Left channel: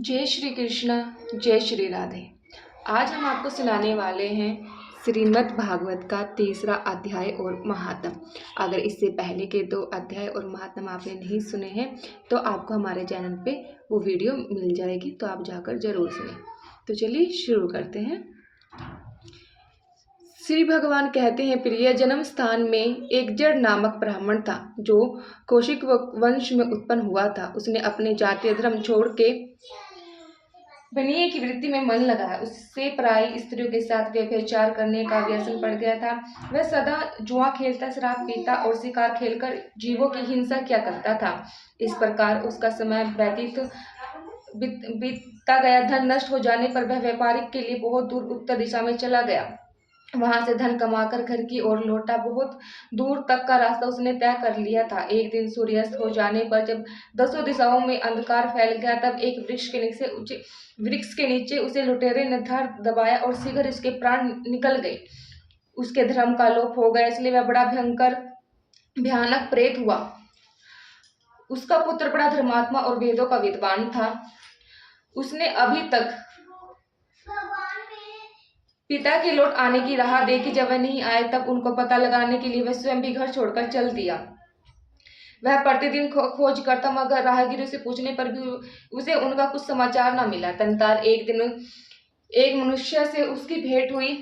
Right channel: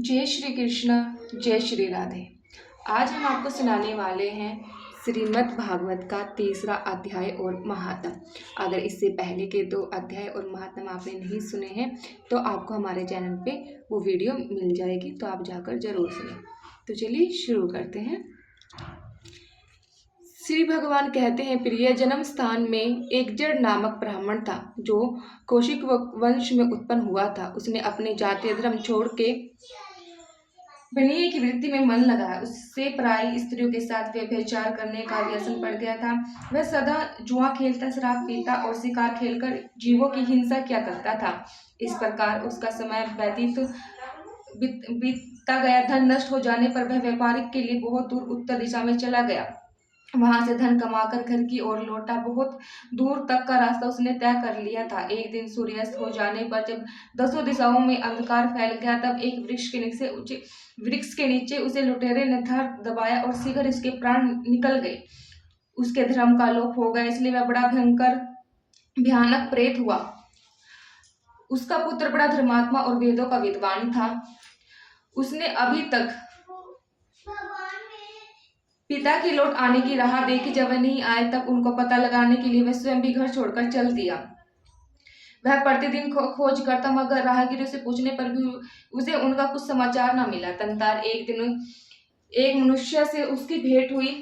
जय श्री कृष्ण। जय श्री राधे। आज हम आपको सुनाने वाले हैं श्रीमद् भागवत का तीसरा अध्याय और महात्म। अगर इससे पहले के 2 अध्याय और महात्म आपने नहीं सुने हैं तो आपको हमारे चैनल पे वो वीडियो मिल जाएगी, तो आप जाकर जरूर सुनें। तो चलिए शुरू करते हैं। श्री भगवान कहते हैं, प्रिय, जन्म स्थान में एक जड़ नामक ब्राह्मण था जो कौशिक वंश में उत्पन्न हुआ था। उसने अपने जातीय धर्म छोड़ के बनिए की वृत्ति में मन लगाया। उससे पराई स्त्रियों के साथ व्यभिचार करने का व्यसन पड़ गया था। वह सदा जुआ खेलता, शराब पीता और शिकार खेलकर जीवों की हिंसा किया करता था। इस प्रकार उसका समय बीतता गया। धन नष्ट हो जाने पर वह व्यापारिक के लिए बहुत दूर उत्तर दिशा में चला गया। वहां से धन कमाकर घर की ओर लौटा। बहुत दूर तक का रास्ता उसने तय कर लिया था। एक दिन सूर्यास्त हो जाने पर जब 10 दिशाओं में अंधकार फैल गया, तब एक वृक्ष के नीचे उसे लुटेरे ने धर दबाया और शीघ्र इसके प्राण निकल गए। उसके धर्म का लोप हो गया, इसलिए वह बड़ा भयानक प्रेत हुआ। उसका पुत्र बड़ा धर्मात्मा और वेदों का विद्वान था। उसने अभी तक पिता के लौट आने की राह देखी। जब वह नहीं आए तब उनको पता लगाने के लिए वह स्वयं भी घर छोड़कर चल दिया। वह प्रतिदिन खोज करता, मगर राहगीरों से पूछने पर भी उसे उनका कुछ समाचार न मिला। तंतार एक दिन एक मनुष्य से उसकी भेंट हुई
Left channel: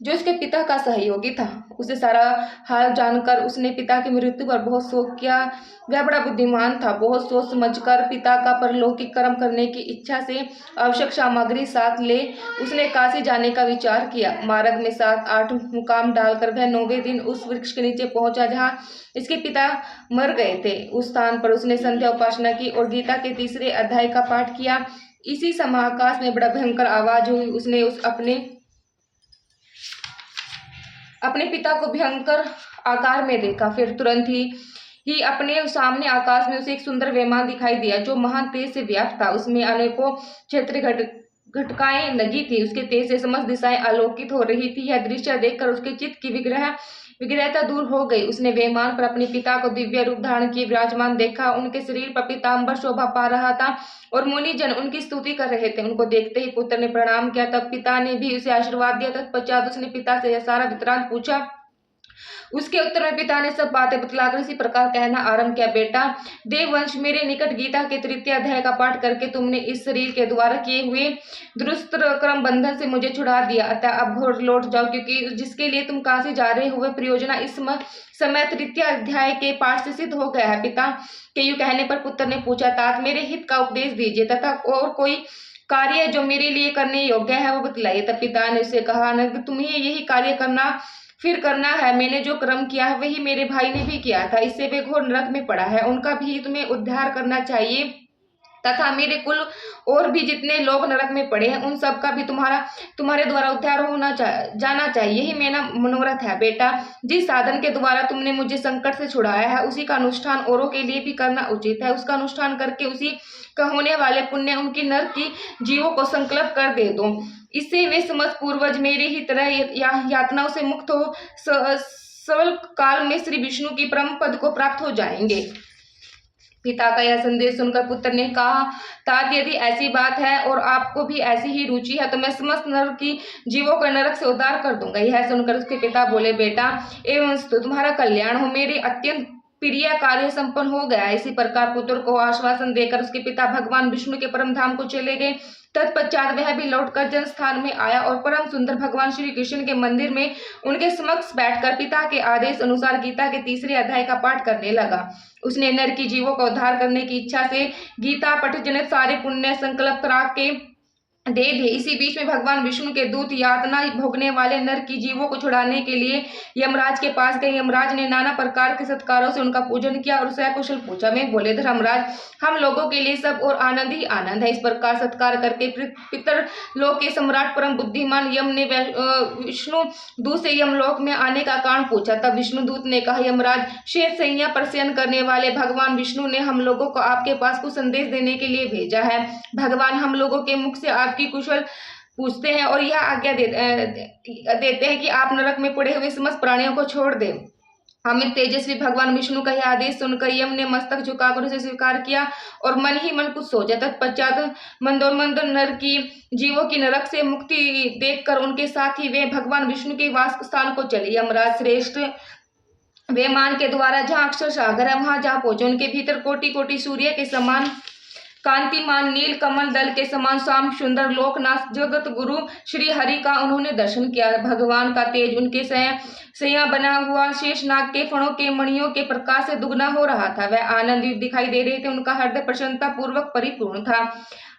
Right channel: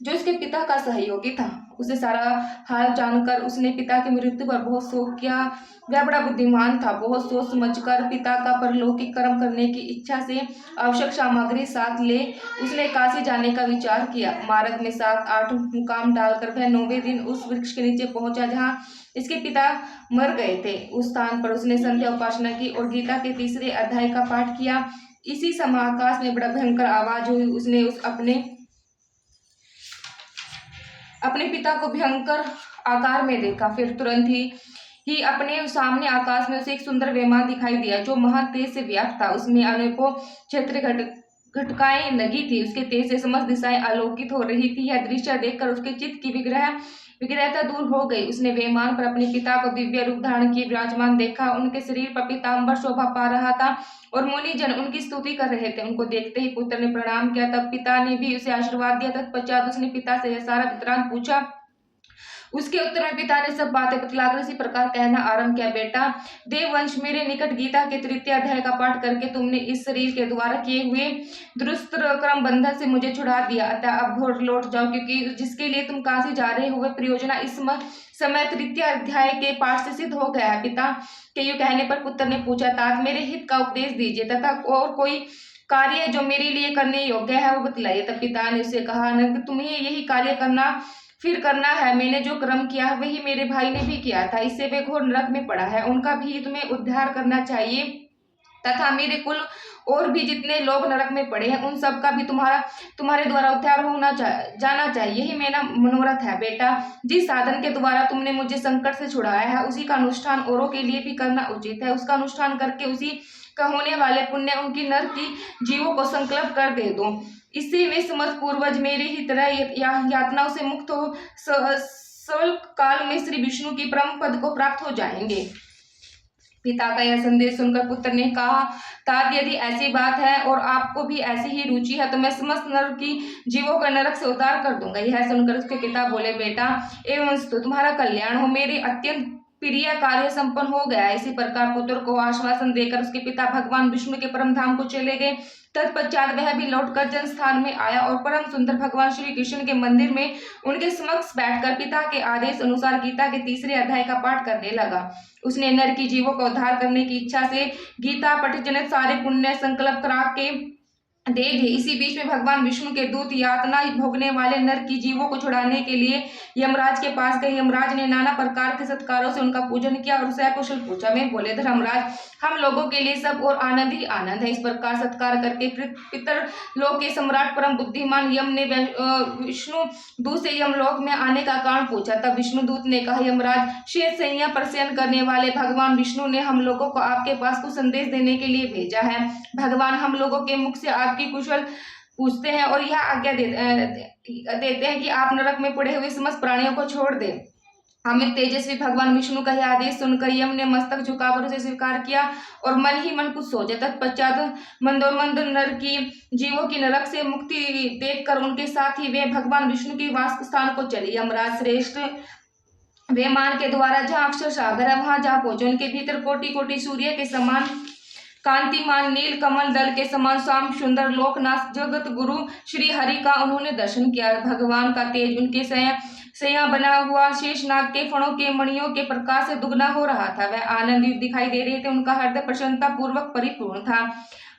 जो उसके पिता का सहयोगी था। उसे सारा हाल जानकर उसने पिता की मृत्यु पर बहुत शोक किया। वह बड़ा बुद्धिमान था। बहुत सोच समझकर पिता का परलौकिक कर्म करने की इच्छा से आवश्यक सामग्री साथ ले उसने काशी जाने का विचार किया। मार्ग में 7-8 मुकाम डालकर वह 9वें दिन उस वृक्ष के नीचे पहुंचा जहां इसके पिता मर गए थे। उस स्थान पर उसने संध्या उपासना की और गीता के 3रे अध्याय का पाठ किया। इसी समय आकाश में बड़ा भयंकर आवाज हुई। उसने अपने पिता को भयंकर आकार में देखा। फिर तुरंत ही अपने सामने आकाश में उसे एक सुंदर विमान दिखाई दिया जो महान तेज से व्याप्त था। उसमें अनेकों क्षेत्र घटकाएं लगी थी। उसके तेज से समस्त दिशाएं आलोकित हो रही थी। यह दृश्य देखकर उसके चित्त की विग्रहता दूर हो गई। उसने विमान पर अपने पिता को दिव्य रूप धारण किए विराजमान देखा। उनके शरीर पर पीतांबर शोभा पा रहा था और मुनिजन उनकी स्तुति कर रहे थे। उनको देखते ही पुत्र ने प्रणाम किया। तब पिता ने भी उसे आशीर्वाद दिया। तत्पश्चात उसने पिता से यह सारा वृत्तांत पूछा। उसके उत्तर में पिता ने सब बातें बतलाकर इसी प्रकार कहना आरंभ किया, बेटा देववंश, मेरे निकट गीता के 3य अध्याय का पाठ करके तुमने इस शरीर के द्वारा किए हुए दुरुस्त क्रम बंधन से मुझे छुड़ा दिया। अतः अब घर लौट जाओ, क्योंकि जिसके लिए तुम काशी जा रहे हो वह प्रयोजना इस समय 3य अध्याय के पाठ से सिद्ध हो गया है। पिता के यूं कहने पर पुत्र ने पूछा, तात मेरे हित का उपदेश दीजिए तथा और कोई कार्य जो मेरे लिए करने योग्य है वो बतलाइए। तब पिता ने उसे कहा, अनंत, तुम्हें यही कार्य करना है। मैंने जो कर्म किया है वही मेरे भाई ने भी किया था। इससे वे घोर नरक में पड़ा है। उनका भी तुम्हें उद्धार करना चाहिए तथा मेरे कुल और भी जितने लोग नरक में पड़े हैं उन सब का भी तुम्हारे द्वारा उद्धार जाना चाहिए। यही मेरा मनोरथ है। बेटा, जिस साधन के द्वारा तुमने मुझे संकट से छुड़ाया है उसी का अनुष्ठान औरों के लिए भी करना उचित है। उसका अनुष्ठान करके उसी का होने वाले पुण्य उनकी नरक की जीवों को संकल्प कर दे दो। इससे वे समस्त पूर्वज मेरी ही तरह यातनाओं से मुक्त हो सरल काल में श्री विष्णु की परम पद को प्राप्त हो जाएंगे। पिता का यह संदेश सुनकर पुत्र ने कहा, तात, यदि ऐसी बात है और आपको भी ऐसी ही रुचि है तो मैं समस्त नरक की जीवों का नरक से उद्धार कर दूंगा। यह सुनकर उसके पिता बोले, बेटा एवं तो तुम्हारा कल्याण हो, मेरे अत्यंत प्रिय कार्य संपन्न हो गया। इसी प्रकार पुत्र को आश्वासन देकर उसके पिता भगवान विष्णु के परम धाम को चले गए। तत्पश्चात वह भी लौटकर जन स्थान में आया और परम सुंदर भगवान श्री कृष्ण के मंदिर में उनके समक्ष बैठकर पिता के आदेश अनुसार गीता के 3रे अध्याय का पाठ करने लगा। उसने नर की जीवों का उद्धार करने की इच्छा से गीता पठ जनित सारे पुण्य संकल्प करा के दे दे। इसी बीच में भगवान विष्णु के दूत यातना भोगने वाले नर की जीवों को छुड़ाने के लिए यमराज के पास गए। यमराज ने नाना प्रकार के सत्कारों से उनका पूजन किया और सकुशल पूछा। में बोले, धर्मराज, हम लोगों के लिए सब और आनंद ही आनंद है। इस प्रकार सत्कार करके पितर लोक के सम्राट परम बुद्धिमान यम ने विष्णु दूत से यमलोक में आने का कारण पूछा। तब विष्णु दूत ने कहा, यमराज, श्वेत सैया पर शयन करने वाले भगवान विष्णु ने हम लोगों को आपके पास कुछ संदेश देने के लिए भेजा है। भगवान हम लोगों के मुख से की कुशल पूछते हैं और यह आज्ञा देते हैं कि आप नरक में पड़े हुए समस्त प्राणियों को छोड़ दें। अमित तेजस्वी भगवान विष्णु का यह आदेश सुनकर यम ने मस्तक झुकाकर उसे स्वीकार किया और मन ही मन कुछ सोचा। तत्पश्चात मंदोरमंद नर की जीवों की नरक से मुक्ति देखकर उनके साथ ही वे भगवान विष्णु के वास स्थान को चले। यमराज श्रेष्ठ विमान के द्वारा जहाँ अक्षर सागर है वहां जा पहुंचे। उनके भीतर कोटि कोटि सूर्य के समान कांतिमान नील कमल दल के समान श्याम सुंदर लोकनाथ जगत गुरु श्री हरि का उन्होंने दर्शन किया। भगवान का तेज उनके सैया बना हुआ शेषनाग के फणों के मणियों के प्रकाश से दुगना हो रहा था। वह आनंदित दिखाई दे रहे थे। उनका हृदय प्रसन्नता पूर्वक परिपूर्ण था।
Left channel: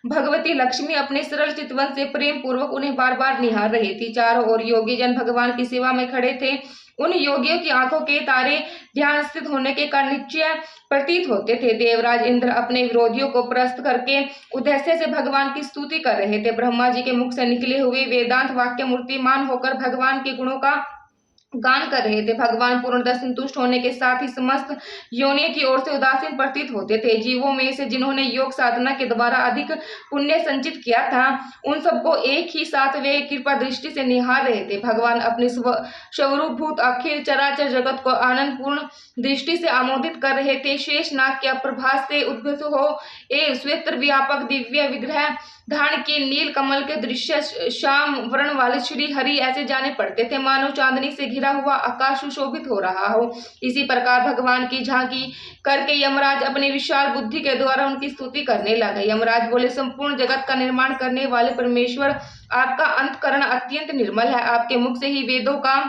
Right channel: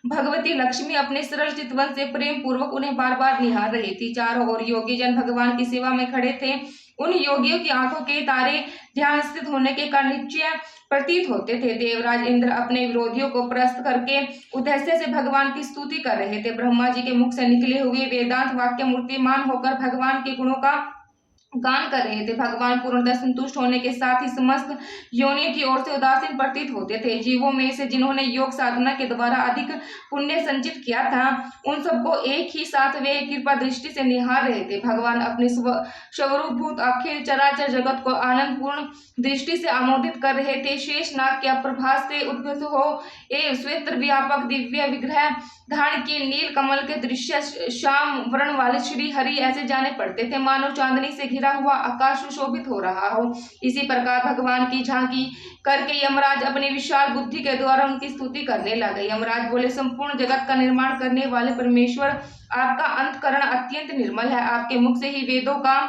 भगवती लक्ष्मी अपने सरल चितवन से प्रेम पूर्वक उन्हें बार बार निहार रही थी। चारों ओर योगी जन भगवान की सेवा में खड़े थे। उन योगियों की आंखों के तारे ध्यान स्थित होने के कारण निश्चय प्रतीत होते थे। देवराज इंद्र अपने विरोधियों को परास्त करके उद्देश्य से भगवान की स्तुति कर रहे थे। ब्रह्मा जी के मुख से निकले हुए वेदांत वाक्य मूर्तिमान होकर भगवान के गुणों का गान कर रहे थे। भगवान पूर्णतः संतुष्ट होने के साथ ही समस्त योनियों की ओर से उदासीन प्रतीत होते थे। जीवों में से जिन्होंने योग साधना के द्वारा अधिक पुण्य संचित किया था उन सबको एक ही साथ वे कृपा दृष्टि से निहार रहे थे। भगवान अपने स्वरूपभूत अखिल चराचर जगत को आनंद पूर्ण दृष्टि से आमोदित कर रहे थे। शेष नाग के प्रभास से उद्भूत हो ए श्वेत व्यापक दिव्य विग्रह धारण के नील कमल के दृश्य श्याम वर्ण वाले श्री हरि ऐसे जाने पड़ते थे मानो चांदनी से घिरा हुआ आकाश सुशोभित हो रहा हो। इसी प्रकार भगवान की झांकी करके यमराज अपनी विशाल बुद्धि के द्वारा उनकी स्तुति करने लगे। यमराज बोले, संपूर्ण जगत का निर्माण करने वाले परमेश्वर, आपका अंतःकरण अत्यंत निर्मल है। आपके मुख से ही वेदों का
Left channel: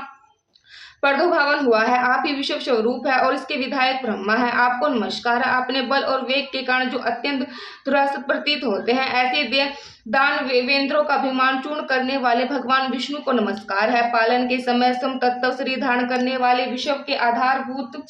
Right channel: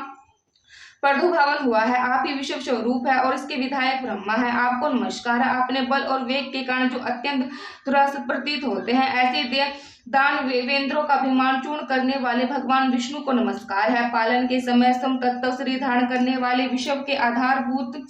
प्रादुर्भाव हुआ है। आप ही विश्व स्वरूप है और इसके विधायक ब्रह्मा है। आपको नमस्कार है। अपने बल और वेग के कारण जो अत्यंत दुरासत प्रतीत होते हैं ऐसे दान वेंद्रों का अभिमान चूर्ण करने वाले भगवान विष्णु को नमस्कार है। पालन के समय सम तत्व शरीर धारण करने वाले विश्व के आधारभूत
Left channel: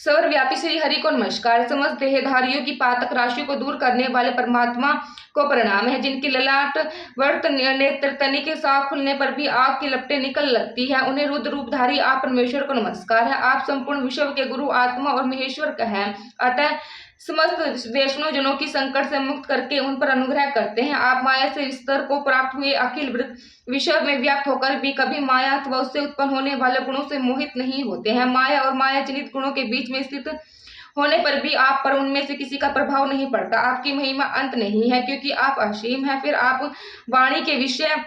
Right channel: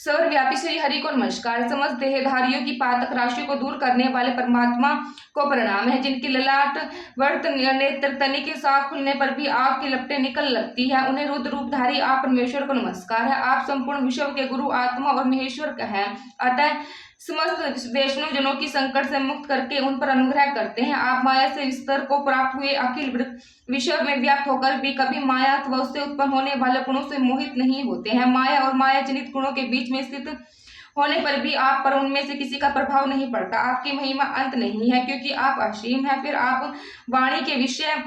सर्वव्यापी श्री हरि को नमस्कार। समस्त देहधारियों की पातक राशि को दूर करने वाले परमात्मा को प्रणाम है। जिनकी ललाट वर्त नेत्र तनिक साफ खुलने पर भी आग की लपटें निकल लगती है उन्हें रुद्र रूपधारी आप परमेश्वर को नमस्कार है। आप संपूर्ण विश्व के गुरु आत्मा और महेश्वर है। अतः समस्त वैष्णव जनों की संकट से मुक्त करके उन पर अनुग्रह करते हैं। आप माया से स्तर को प्राप्त हुए अखिल विश्व में व्याप्त होकर भी कभी माया अथवा उससे उत्पन्न होने वाले गुणों से मोहित नहीं होते हैं। माया और माया जनित गुणों के बीच में स्थित होने पर भी आप पर उनमें से किसी का प्रभाव नहीं पड़ता। आपकी महिमा अंत नहीं है क्योंकि आप असीम है। फिर आप वाणी के विषय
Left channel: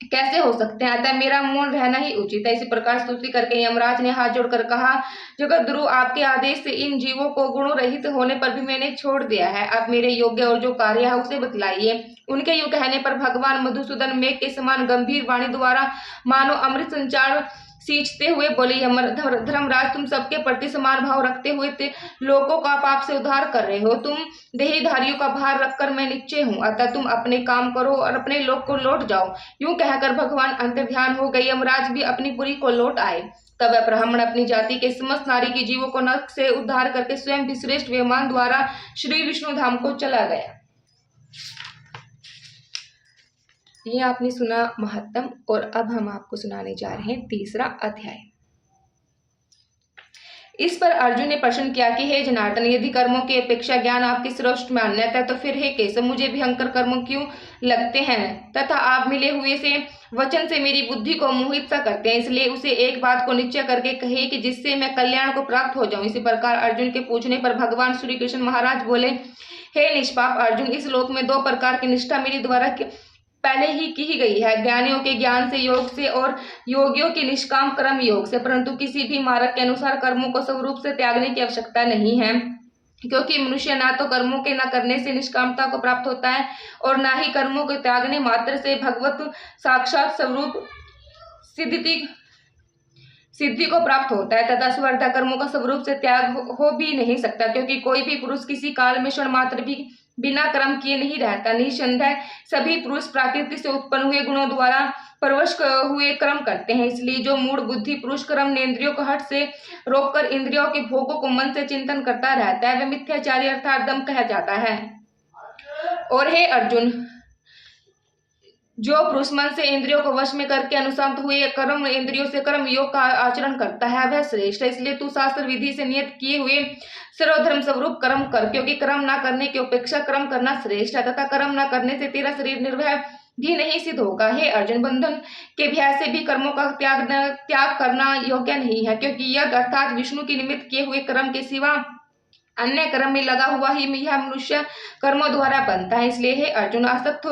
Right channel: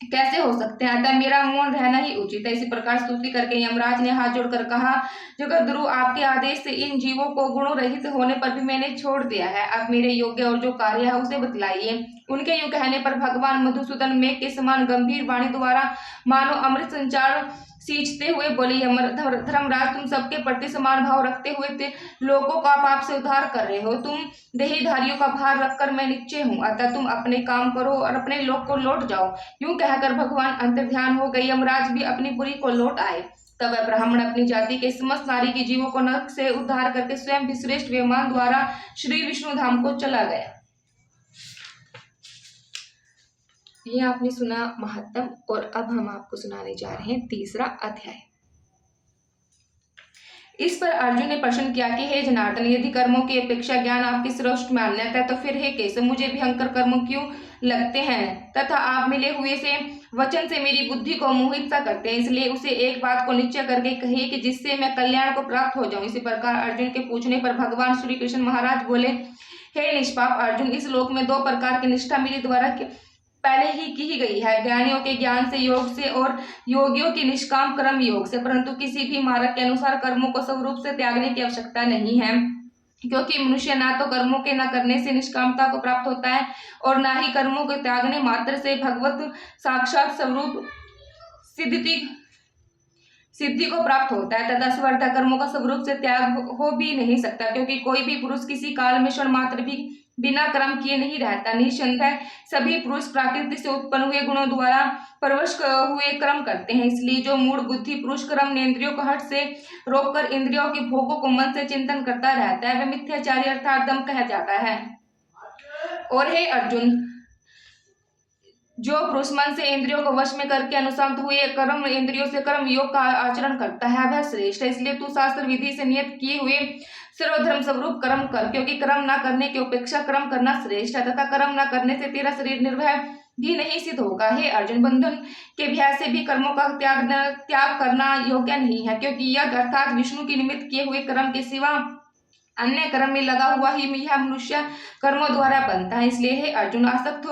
कैसे हो सकते हैं? अतः मेरा मौन रहना ही उचित है। इसी प्रकार स्तुति करके यमराज ने हाथ जोड़कर कहा, जगत गुरु, आपके आदेश से इन जीवों को गुणों रहित होने पर भी मैंने छोड़ दिया है। आप मेरे योग्य और जो कार्य है उसे बतलाइए। उनके यूं कहने पर भगवान मधुसूदन मेघ के समान गंभीर वाणी द्वारा मानो अमृत संचार सींचते हुए बोले, धर्मराज, तुम सबके प्रति समान भाव रखते हुए लोगों का पाप से उद्धार कर रहे हो। तुम देहधारियों का भार रखकर मैं निश्चय हूँ। अतः तुम अपने काम करो और अपने लोक को लौट जाओ। यूं कहकर भगवान अंतर्ध्यान हो गए। यमराज भी अपनी पुरी को लौट आए। तब वह ब्राह्मण अपनी जाति के समस्त नारी की जीवों को नरक से उद्धार करके स्वयं भी श्रेष्ठ विमान द्वारा श्री विष्णु धाम को चला गया। ये आपने सुना महत्तम, और अब हम आपको सुनाने जा रहे हैं तीसरा अध्याय। इस पर अर्जुन ने प्रश्न किया कि हे जनार्दन, यदि कर्मों की अपेक्षा ज्ञान आपकी श्रेष्ठ मान्यता है तो फिर हे केशव, मुझे भयंकर कर्म क्यों लगते हैं तथा आप मिले हुए से वचन से मेरी बुद्धि को मोहित सा करते हैं। इसलिए उसे एक बात को निश्चय करके कहे कि जिससे मैं कल्याण को प्राप्त हो जाऊं। इसी प्रकार अर्जुन के पूछने पर भगवान श्री कृष्ण महाराज बोले, हे निष्पाप अर्जुन, इस लोक में दो प्रकार की निष्ठा मेरे द्वारा पहले ही की गई है, ज्ञानियों के ज्ञान से योग से और योगियों की निष्काम कर्म योग से। परंतु किसी भी मार्ग के अनुसार कर्मों को स्वरूप से त्यागने की आवश्यकता नहीं है, क्योंकि मनुष्य ना तो कर्मों के न करने से निष्कामता को प्राप्त होता है और ना ही कर्मों के त्यागने मात्र से भगवत साक्षात स्वरूप सिद्धि को प्राप्त होता है। तथा स्वर्धा कर्मों का स्वरूप से त्याग हो भी नहीं सकता, क्योंकि कोई भी पुरुष किसी काल में क्षण मात्र भी बिना कर्म किए नहीं रहता। निसंदेह सभी पुरुष प्रकृति से उत्पन्न हुए गुणों द्वारा परवश हुए कर्म करते हैं। इसलिए जो मूढ़ बुद्धि पुरुष कर्म इंद्रियों को हट से रोककर इंद्रियों के भोगों को मन से चिंतन करता रहता है, वह मिथ्याचारी अर्थात दम कहा जाता है। और हे अर्जुन, जो पुरुष मन से इंद्रियों को वश में करके अनुशांत हुए कर्म इंद्रियों से कर्म योग का आचरण करता है, वह श्रेष्ठ है। इसलिए तू शास्त्र विधि से नियत किए हुए सर्वधर्म स्वरूप कर्म कर, क्योंकि कर्म न करने की अपेक्षा कर्म करना श्रेष्ठ है। तथा कर्म न करने से तेरा शरीर निर्भय भी नहीं सिद्ध होगा। हे अर्जुन, बंधन के भय से भी कर्मों का त्याग करना योग्य नहीं है, क्योंकि यज्ञ अर्थात विष्णु की निमित्त किए हुए कर्म के सिवा अन्य कर्म में लगा हुआ ही यह मनुष्य कर्मों द्वारा बनता है। इसलिए हे अर्जुन, आसक्त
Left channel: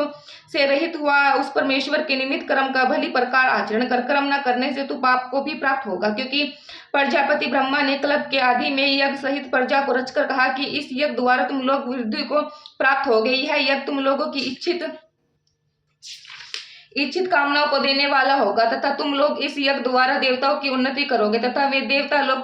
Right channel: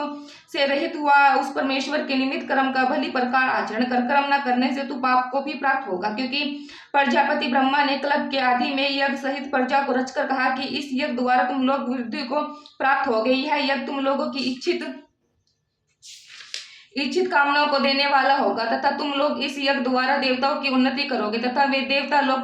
से रहित हुआ उस परमेश्वर के निमित्त कर्म का भली प्रकार आचरण कर। कर्म न करने से तू पाप को भी प्राप्त होगा, क्योंकि प्रजापति ब्रह्मा ने कल्प के आदि में यज्ञ सहित प्रजा को रचकर कहा कि इस यज्ञ द्वारा तुम लोग वृद्धि को प्राप्त हो गई है। यज्ञ तुम लोगों की इच्छित कामनाओं को देने वाला होगा, तथा तुम लोग इस यज्ञ द्वारा देवताओं की उन्नति करोगे, तथा वे देवता लोग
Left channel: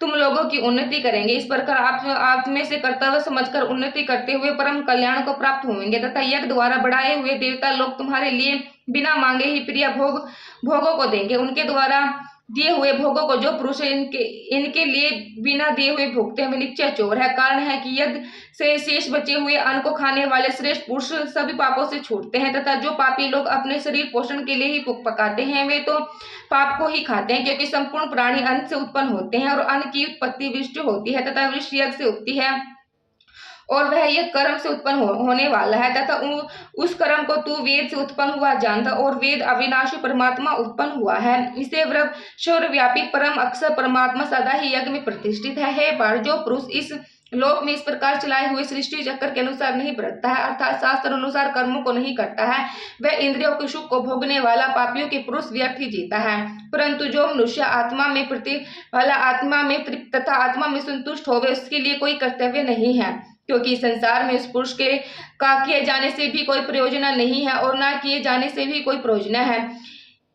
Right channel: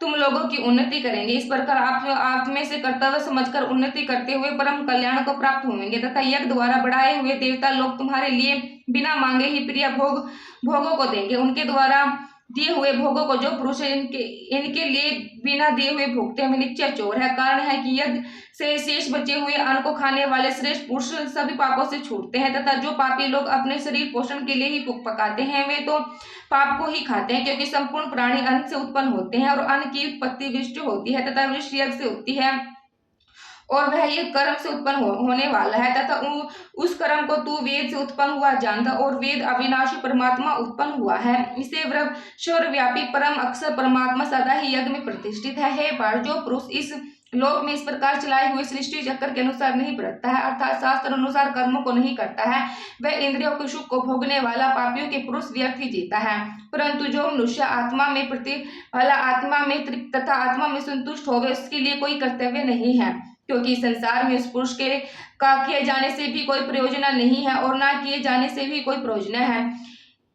तुम लोगों की उन्नति करेंगे। इस प्रकार आप में से कर्तव्य समझकर उन्नति करते हुए परम कल्याण को प्राप्त होंगे, तथा यज्ञ द्वारा बढ़ाए हुए देवता लोग तुम्हारे लिए बिना मांगे ही प्रिय भोगों को देंगे। उनके द्वारा दिए हुए भोगों को जो पुरुष इनके लिए बिना दिए हुए भोगते हैं, वे निश्चय चोर है। कारण है कि यज्ञ से शेष बचे हुए अन्न को खाने वाले श्रेष्ठ पुरुष सभी पापों से छूटते हैं, तथा जो पापी लोग अपने शरीर पोषण के लिए ही पकाते हैं, वे तो पाप को ही खाते हैं, क्योंकि संपूर्ण प्राणी अन्न से उत्पन्न होते हैं और अन्न की उत्पत्ति वृष्टि होती है तथा वृष्टि यज्ञ से होती है, और वह ये कर्म से उत्पन्न होने वाला है, तथा उस कर्म को तू वेद से उत्पन्न हुआ जानता, और वेद अविनाशी परमात्मा उत्पन्न हुआ है। इसे सर्वव्यापी परम अक्षर परमात्मा सदा ही यज्ञ में प्रतिष्ठित है। हे पार्थ, जो पुरुष इस लोक में इस प्रकार चलाए हुए सृष्टि चक्र के अनुसार नहीं बरतता है, अर्थात शास्त्र अनुसार कर्मों को नहीं करता है, वह इंद्रियों के सुख को भोगने वाला पापियों के पुरुष व्यर्थ ही जीता है। परंतु जो मनुष्य आत्मा में तृप्त तथा आत्मा में संतुष्ट होवे, उसके लिए कोई कर्तव्य नहीं है, क्योंकि संसार में उस पुरुष का किए जाने से भी कोई प्रयोजन नहीं है और ना किए जाने से भी कोई प्रयोजन है,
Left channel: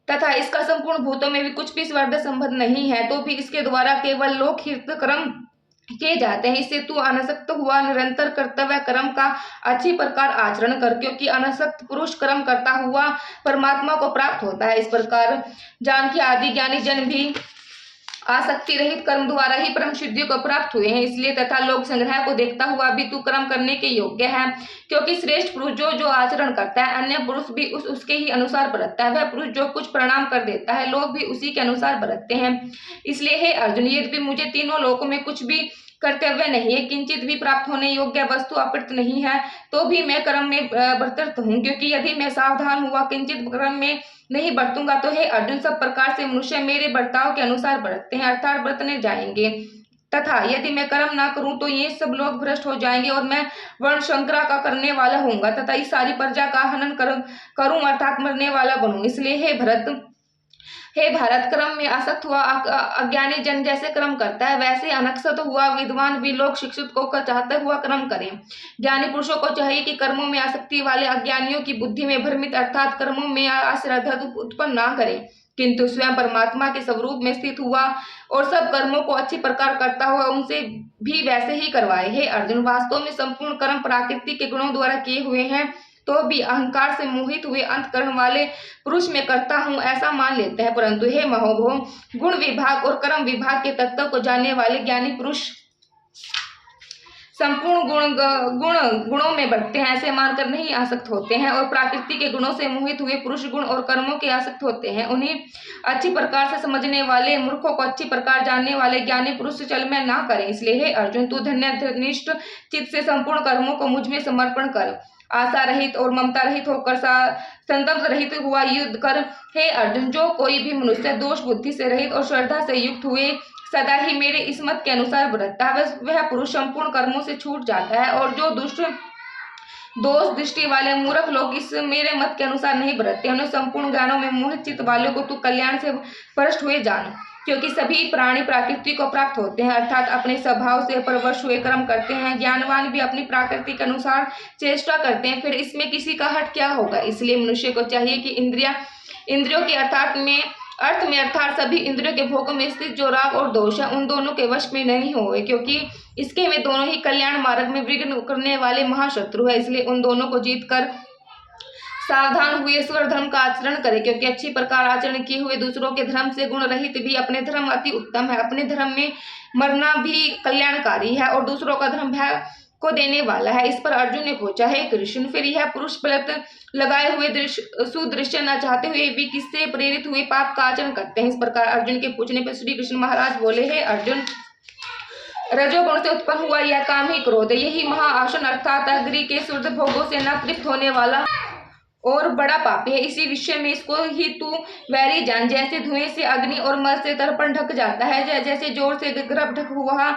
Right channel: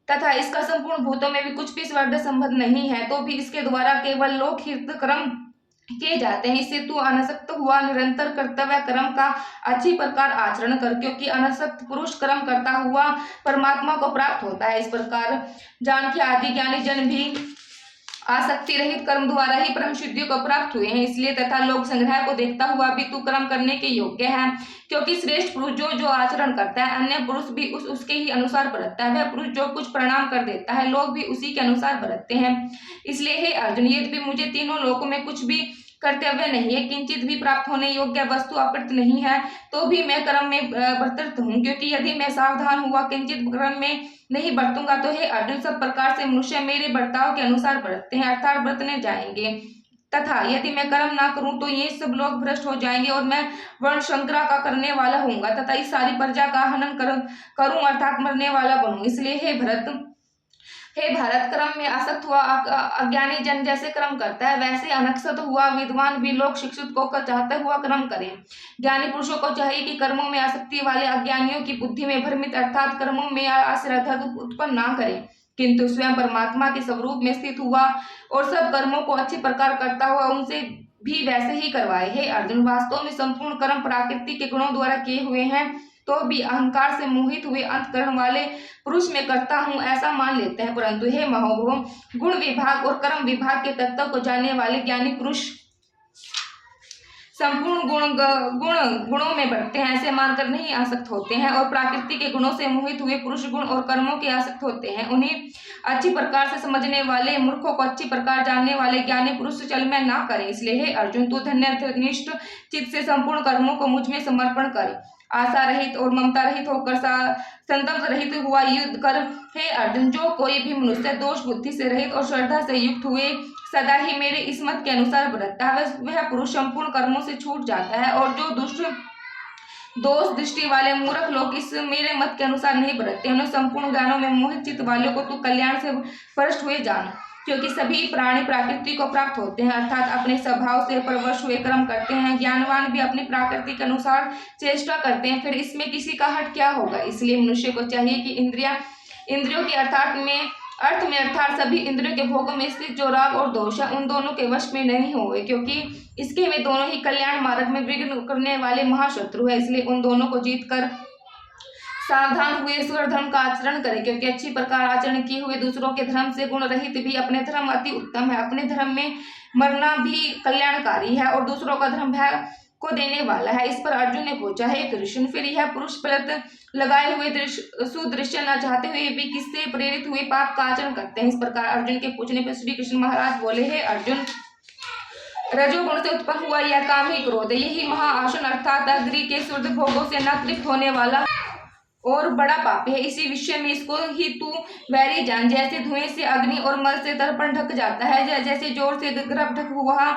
तथा इसका संपूर्ण भूतों में भी कुछ भी स्वार्थ संबंध नहीं है, तो भी इसके द्वारा केवल लोकहित कर्म किए जाते हैं। इससे तू अनासक्त हुआ निरंतर कर्तव्य कर्म का अच्छी प्रकार आचरण कर, क्योंकि अनासक्त पुरुष कर्म करता हुआ परमात्मा को प्राप्त होता है। इस प्रकार जान के आदि ज्ञानी जन भी आसक्ति रहित कर्म द्वारा ही परम सिद्धि को प्राप्त हुए हैं। इसलिए तथा लोक संग्रह को देखता हुआ भी तू कर्म करने के योग्य है, क्योंकि श्रेष्ठ पुरुष जो आचरण करता है, अन्य पुरुष भी उसके ही अनुसार बरतता है। वह पुरुष जो कुछ प्रणाम कर देता है, लोग भी उसी के अनुसार बरतते हैं। इसलिए हे अर्जुन, यदि मुझे तीनों लोकों में कुछ भी कर्तव्य नहीं है, किंचित भी प्राप्त होने योग्य वस्तु अप्रत नहीं है, तो भी मैं कर्म में बरतत हूँ, क्योंकि यदि मैं सावधान हुआ किंचित कर्म में नहीं बरतूंगा, तो हे अर्जुन, सब प्रकार से मनुष्य मेरे बर्ताव के अनुसार बरतते हैं, अर्थात बरतने जाएंगे, तथा यदि मैं कर्म ना करूं तो ये सब लोग भ्रष्ट हो जाएंगे और मैं वर्ण शंकरा का करने वाला होऊंगा, तथा इस सारी प्रजा का हनन करूं अर्थात मरने वाला बनूं। इसलिए हे भारत, कर्म में आसक्त हुआ अज्ञानी जन जैसे कर्म करता है, वैसे अनक्षत हुआ विद्वान भी लोग शिक्षित को चाहते हुआ कर्म करें। ज्ञानी पुरुषों को चाहिए कि कर्मों में आसक्ति वाले अज्ञानियों की बुद्धि में भ्रमित अर्थात कर्मों में अश्रद्धा उत्पन्न ना करें, किंतु स्वयं परमात्मा के स्वरूप में स्थित हुआ और सब कर्मों को अच्छी प्रकार करता हुआ उनसे भी वैसे ही करवाए। हे अर्जुन, वास्तव में संपूर्ण कर्म प्रकृति के गुणों द्वारा किए हुए हैं, तो भी अहंकार से मोहित हुए अंतकरण वाले पुरुष में करता हूं ऐसा मान लेते हैं। परंतु हे महोभो, गुण विभाग और कर्म विभाग के तत्व को जानने वाले ज्ञानी पुरुष संपूर्ण गुणों में बढ़ते हैं ऐसे मानकर नहीं आसक्त होते हैं, और प्रकृति के गुणों से मोहित हुए पुरुष गुण और कर्मों के आसक्त होते हैं। उन्हें अच्छी प्रकार से समझने वाले मूर्खों को अच्छी प्रकार जानने वाले ज्ञानी पुरुष से चल में ना करें। इसलिए हे अर्जुन, तू धन्यनिष्ठ चित्त से संपूर्ण कर्मों को मुझ में समर्पण कर, आशा रहित और ममता रहित होकर संतप्त रहित हुआ युद्ध कर। हे अर्जुन, जो कोई भी मनुष्य दोष बुद्धि से रहित और श्रद्धा से युक्त हुए सदा ही मेरे इस मत के अनुसार बरतता है, वह पुरुष संपूर्ण कर्मों से छूट जाता है, और जो दोष दृष्टि वाले मूर्ख लोग इस मेरे मत के अनुसार नहीं बरतते, उन्हें संपूर्ण ज्ञानों में मोहित चित्त वालों को तू कल्याण से परष्ट हुए जान, क्योंकि सभी प्राणी प्रकृति को प्राप्त होते हैं, अर्थात अपने स्वभाव से परवश हुए कर्म करते हैं। ज्ञानवान भी अपनी प्रकृति के अनुसार चेष्टा करते हैं, फिर इसमें किसी का हट क्या होगा। इसलिए मनुष्य को चाहिए कि इंद्रियों के अर्थ में अर्थात सभी इंद्रियों के भोगों में स्थित जो राग और दोष है, उन दोनों के वश में नहीं होवे, क्योंकि इसके वे दोनों ही कल्याण मार्ग में विघ्न करने वाले महाशत्रु है। इसलिए उन दोनों को जीत कर सावधान हुए ईश्वर धर्म का आचरण करे, क्योंकि अच्छी प्रकार आचरण किए हुए दूसरों के धर्म से गुण रहित भी अपने धर्म अति उत्तम है। अपने धर्म में मरना भी कल्याणकारी है और दूसरों का धर्म भय को देने वाला है। इस पर अर्जुन ने पूछा, हे कृष्ण, फिर यह पुरुष पलट लगाए हुए सुदृश्य न चाहते हुए भी किससे प्रेरित हुए पाप का आचरण करते हैं। इस प्रकार अर्जुन के पूछने पर श्री कृष्ण महाराज बोले, हे अर्जुन, रजोगुण से उत्पन्न हुआ यह काम ही क्रोध, यही महाआसन अर्थात अग्नि के शुद्ध भोगों से न तृप्त होने वाला और बड़ा पापी है। इसी विषय में इसको ही तू वैरी जान। जैसे धुएं से अग्नि और मल से दर्पण ढक जाता है, जैसे जोर से गर्भ ढक हुआ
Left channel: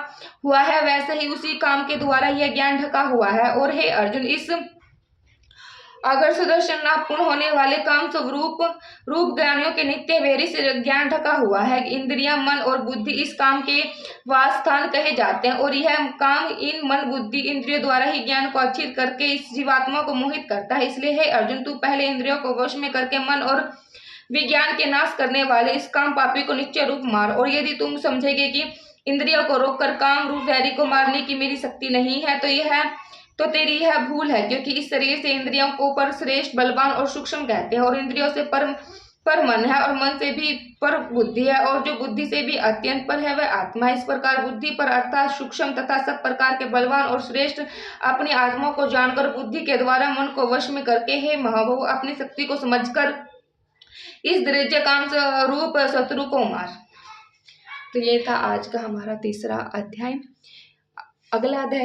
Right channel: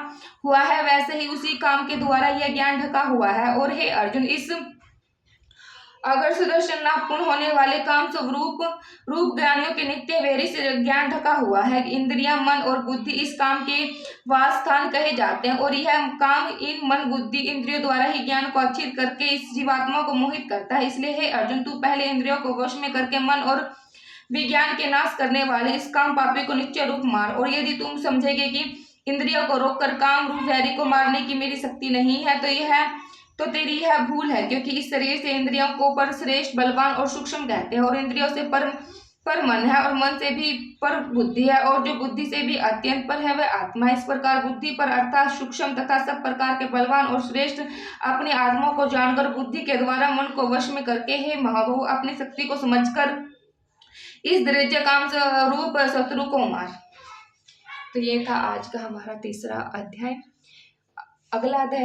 हुआ है, वैसे ही उसी काम के द्वारा यह ज्ञान ढका हुआ है। और हे अर्जुन, इस अगर सुदर्शन नापूर्ण होने वाले काम स्वरूप रूप ज्ञानियों के नित्य वैरी से ज्ञान ढका हुआ है। इंद्रियां, मन और बुद्धि इस काम के वास स्थान कहे जाते हैं, और यह काम इन मन, बुद्धि, इंद्रियों द्वारा ही ज्ञान को अच्छित करके इस जीवात्मा को मोहित करता है। इसलिए हे अर्जुन, तू पहले इंद्रियों को वश में करके मन और विज्ञान के नाश करने वाले इस काम पापी को निश्चय रूप मार। और यदि तुम समझेगे कि इंद्रियों को रोककर काम रूप वैरी को मारने की मेरी शक्ति नहीं है, तो तेरी यह भूल है, क्योंकि इस शरीर से इंद्रियों को पर श्रेष्ठ, बलवान और सूक्ष्म कहते हैं, और इंद्रियों से पर मन है, और मन से भी पर बुद्धि है, और जो बुद्धि से भी अत्यंत पर है वह आत्मा है। इस प्रकार बुद्धि पर अर्थात सूक्ष्म तथा सब प्रकार के बलवान और श्रेष्ठ अपनी आत्मा को जानकर बुद्धि के द्वारा मन को वश में करके हे महाबहु, अपनी शक्ति को समझकर इस दरिद्र काम रूप शत्रु को मार। तो ये था आज का हमारा तीसरा अध्याय। अगला अध्याय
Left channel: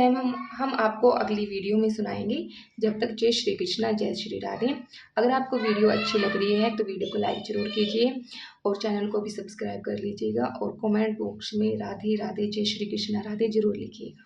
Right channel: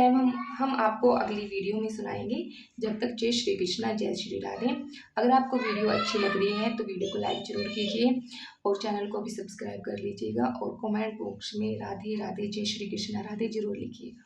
हम आपको अगली वीडियो में सुनाएंगे। जब तक जय श्री कृष्णा, जय श्री राधे। अगर आपको वीडियो अच्छी लग रही है तो वीडियो को लाइक जरूर कीजिए और चैनल को भी सब्सक्राइब कर लीजिएगा, और कमेंट बॉक्स में राधे राधे, जय श्री कृष्णा, राधे जरूर लिखिएगा।